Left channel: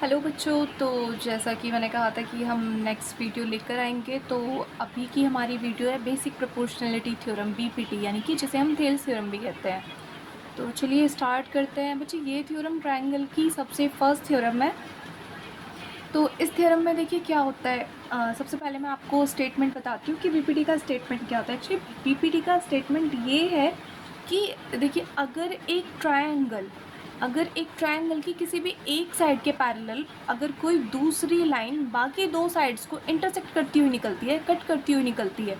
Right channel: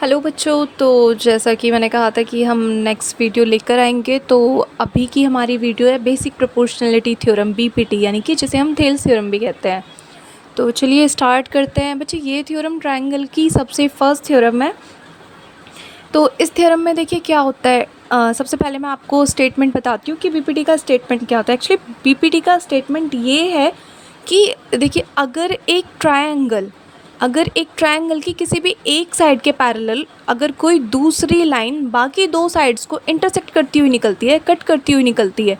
Hello बच्चों। तो जैसा कि मैंने कहा था कि हम नेक्स्ट वीडियो लेकर आएंगे, तो अभी की हमारी वीडियो है बेसिक प्रोपोर्शनलिटी थ्योरम बीपीटी, यानी कि जिसे हम थेल्स थ्योरम भी कहते हैं। तो चलिए स्टार्ट करते हैं बच्चे। ये थ्योरम ट्रायंगल की सबसे फर्स्ट थ्योरम है। तो इस थ्योरम में देखिए क्या होता है। सबसे पहले मैं आपको स्टेटमेंट बताती हूँ कि बीपीटी का स्टेटमेंट क्या होता है। एक्चुअली बीपीटी का स्टेटमेंट ये है कि देखिए, अगर एक ट्रायंगल की किसी भी एक साइड के पैरेलल अगर कोई दूसरी लाइन बाकी दो साइड्स को इंटरसेक्ट करती हुई निकलती है, कट करती हुई निकलती है,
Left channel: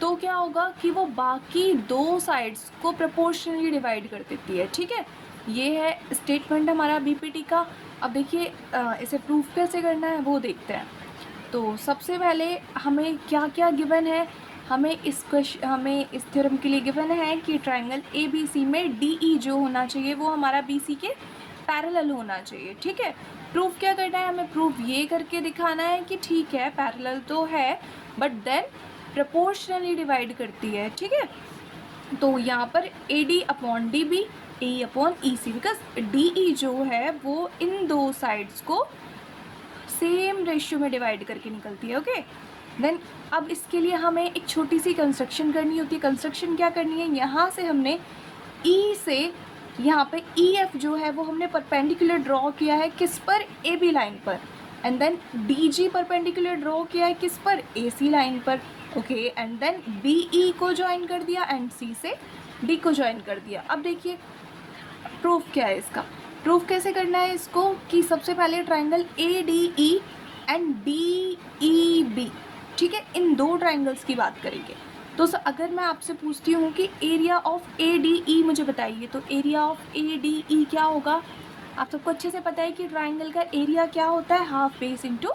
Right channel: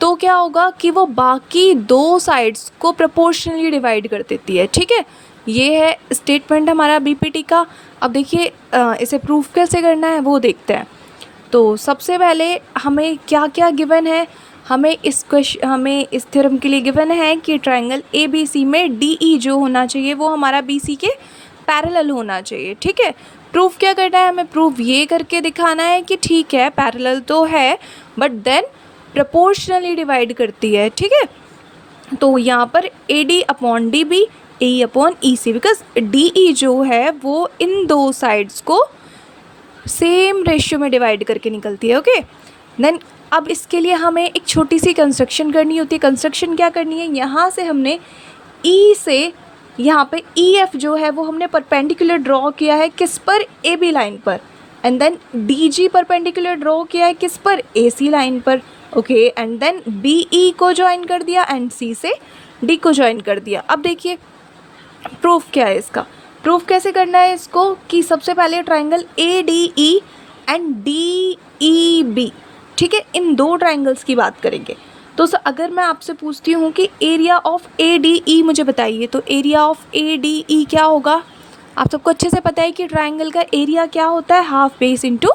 तो क्या होगा कि वो बाकी दो साइड्स को प्रोपोर्शनली डिवाइड कर देती है। ठीक है, ये है स्टेटमेंट हमारा बीपीटी का। अब देखिए इसे प्रूफ कैसे करना है वो देखते हैं। तो सबसे पहले हमें क्या क्या गिवन है। हमें इस थ्योरम के लिए गिवन है कि ट्रायंगल ए बी सी में डी ई जो होना चाहिए वो हमारा बी सी के पैरेलल होना चाहिए। ठीक है, प्रूफ क्या करना है, हमें प्रूफ ये करके दिखाना है कि ठीक है पैरेलल तो है बट देन प्रोपोर्शनली डिवाइड करती है। ठीक है, तो यहाँ पर A D upon D B, A upon E C, because D E जो है वो इन दो साइड्स को सेम रेशियो में डिवाइड करके निकलती है। ओके, देन अब इसके लिए हमें एक छोटी सी कंस्ट्रक्शन करनी होती है। कंस्ट्रक्शन क्या करनी है, यहाँ से हमने ई से यहाँ पे ई एफ जो है वो हमने परपेंडिकुलर ड्रॉ किया है किस पर, ए बी लाइन पर, and then D G perpendicular draw किया है किस पर, ए सी लाइन पर। Okay, and then B E को ज्वाइन कर दिया एंड सी से डी को ज्वाइन कर दिया। अब देखिए प्रूफ क्या है इसका। प्रूफ कैसे करना है इसको कि सबसे पहले triangle A D E and D E B, ठीक है, इन दो ट्रायंगल्स की बात करेंगे। तो अगर मैं आपसे पूछती हूँ कि एरिया ऑफ ए डी ई मुझे बताइए, तो एरिया ऑफ ए डी ई क्या होगा। आप सबको अच्छे से पता है कि ट्रायंगल का एरिया क्या होता है, हाफ बेस इंटू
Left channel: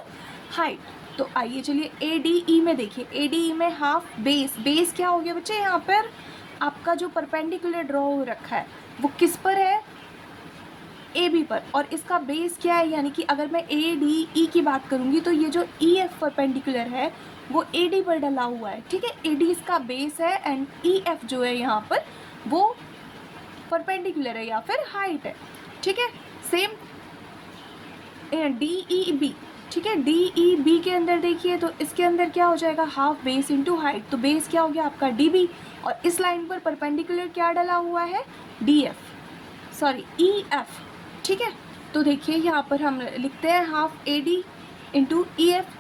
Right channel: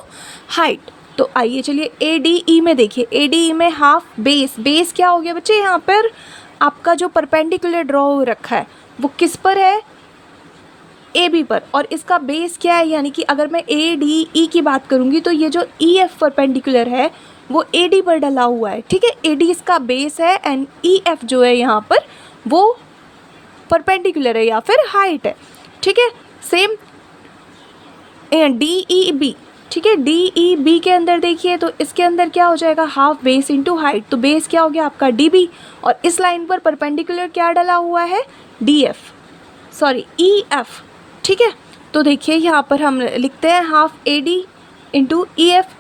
हाइट। तो आइए चलिए ए डी ई में देखिए, ए डी ई में हाफ बेस, बेस क्या हो गया बच्चे, यहाँ पर आपका जो परपेंडिकुलर ड्रॉ रखा है वो किस पर है, ए बी पर, और इसका बेस क्या है, यानी कि अगर मैं ए डी ई की बात करूँगी तो ये जो ई एफ परपेंडिकुलर है वो ए डी पर डला हुआ है। ठीक है, ए डी इसका बेस है एंड ई एफ जो है यहाँ पर वो परपेंडिकुलर है या फिर हाइट है। ठीक है, सेम डी ई बी। ठीक है, डी ई बी के अंदर देखिए तो इसके अंदर क्या हो जाएगा, हाफ बेस इंटू हाइट। तो बेस क्या हो गया आपका डी बी, और इस लाइन पर परपेंडिकुलर क्या डला हुआ है, D F, sorry E F. ठीक है, तो देखिए यहाँ पर हम लिखते हैं half A D into E F,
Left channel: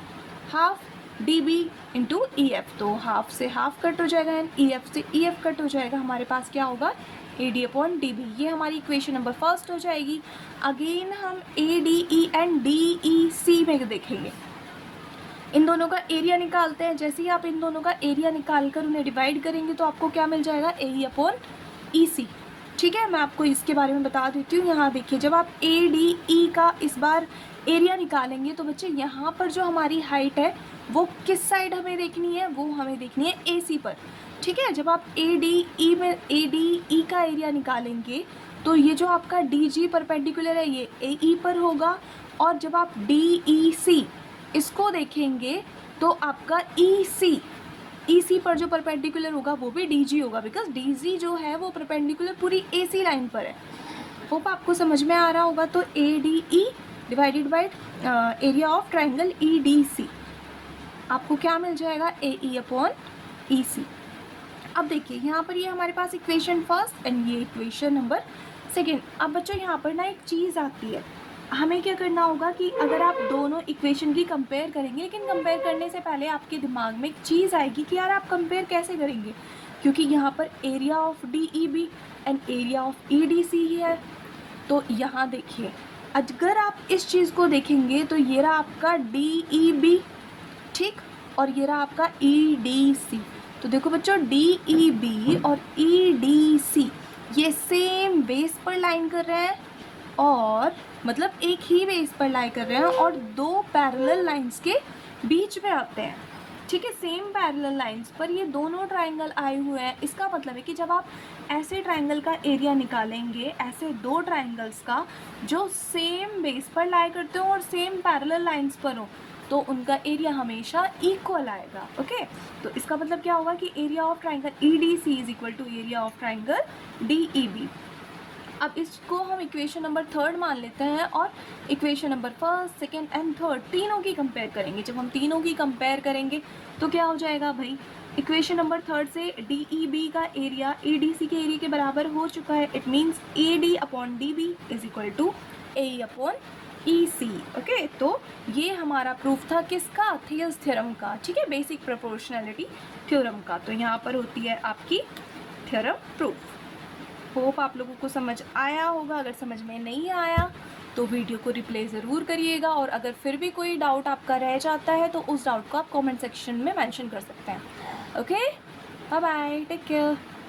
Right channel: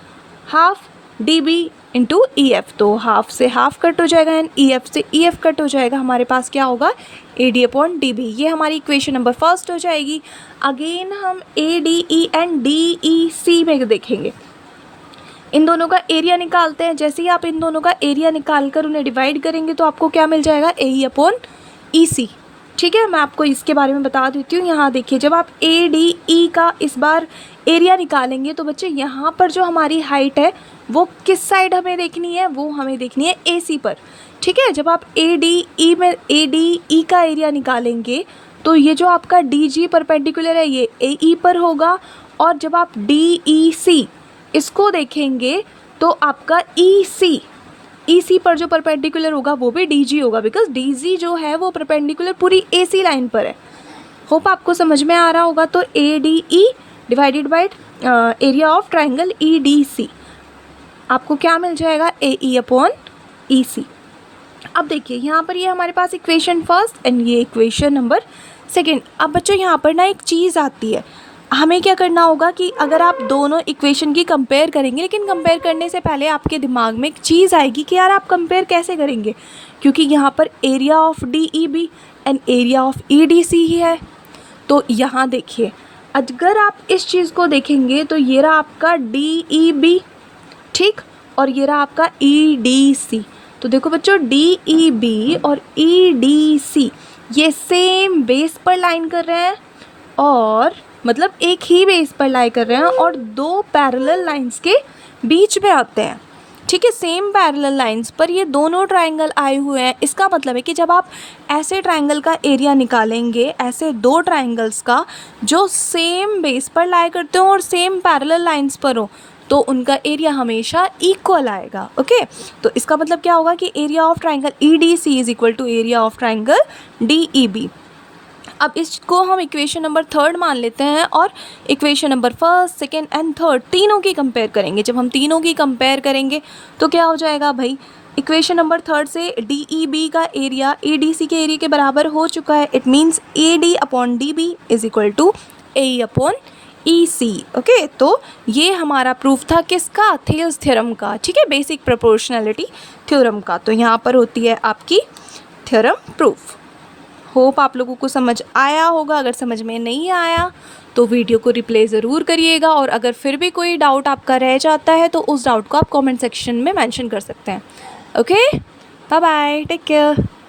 half D B into E F. तो हाफ से हाफ कट हो जाएगा एंड ई एफ से ई एफ कट हो जाएगा। हमारे पास क्या होगा, A D upon D B. ये हमारी इक्वेशन नंबर फर्स्ट हो जाएगी। अगेन हम A D E and D E C में देखेंगे, इन दोनों का एरिया निकालते हैं। जैसे ही आप इन दोनों का एरिया निकाल कर उन्हें डिवाइड करेंगे तो आपको क्या मिल जाएगा, ए ई अपॉन ई सी। ठीक है, मैं आपको इसके बारे में बता देती हूँ। यहाँ देखिए, जब आप ए डी ई का इस बार एरिया निकालेंगे तो बच्चे यहाँ पर जो हमारी हाइट है वो किस साइड हमें देखनी है, वो हमें देखनी है ए सी पर। ठीक है, जब आप ए डी ई में ए डी ई का एरिया निकालेंगे तो ये जो आपका डी जी परपेंडिकुलर है ये ए ई पर होगा, और जब आप डी ई सी इसको देखेंगे तो आपका ई सी पर जो परपेंडिकुलर होगा वो भी डी जी होगा, बिकॉज डी जी जो है वो परपेंडिकुलर पूरी ए सी लाइन पर है। होप आपको समझ में आ रहा होगा। तो A D E divided by area of triangle E D C, आपको क्या मिल जाएगा, ए ई अपॉन ई सी। अब देखिए यहाँ पर ये हमारे पास इक्वेशन फर्स्ट एंड ये इक्वेशन नंबर सेकेंड। अब बच्चों यहाँ पर ना एक चीज़ आती है, हमें क्या करना होगा कि अगर आप दोनों इक्वेशन की कंपेयर करेंगे, लेकिन कंपेयर करने से पहले आपके दिमाग में एक चीज़ आएगी कि यार आप कंपेयर कैसे करेंगे, क्योंकि यहाँ पर area of D E B and area of E D C ही है। तो यहाँ देखिए, अगर आप इस चीज़ को देखेंगे तो ये रहा आपका डी ई बी, ठीक, और ये रहा आपका ई डी सी। तो देखो बच्चों, डी ई बी और ई डी सी ये सेम बेस पर लाइन कर रहे हैं, और मतलब एक ही बेस पर लाई कर रहे हैं और दो पैरेलल लाइंस के बीच में आते हैं। ठीक है, सेम पैरेलल लाइंस पर ये दोनों ट्रायंगल आए हुए हैं। इसका मतलब है कि जब आप ऐसे ट्रायंगल का एरिया निकालेंगे, ऐसे दो ट्रायंगल्स का जो सेम बेस पर लाई करते हो और सेम पैरेलल लाइंस पर हो, तो उनका एरिया हमेशा इक्वल आएगा। ओके, तो इसका मतलब क्या होगा कि area of triangle E D C is equal to area of triangle D E B. अब इसको हम इक्वेशन नंबर थर्ड मान लेते हैं और equation number first, second and third तीनों की कंपेयर करेंगे। जब हम तीनों की कंपेयर करेंगे तो क्या हो जाएगा भाई, इक्वेशन नंबर थर्ड से डी ई बी का एरिया ए डी सी के एरिया के बराबर हो चुका है। It means A D upon D B is equal to A upon E C. Okay, तो ये हमारा प्रूफ था किसका, थेल्स थ्योरम का। ठीक है, बेसिक प्रोपोर्शनैलिटी थ्योरम का। तो यहाँ पर होती है आपकी थ्योरम प्रूफ। होप आप लोगों को समझ आया होगा। अगर समझ में नहीं आया तो वीडियो को रिप्ले ज़रूर करिएगा, और अगर फिर भी कोई डाउट आपका रह जाता है तो उस डाउट को आप कमेंट सेक्शन में मेंशन कर सकते हैं। Okay, bye bye, take care.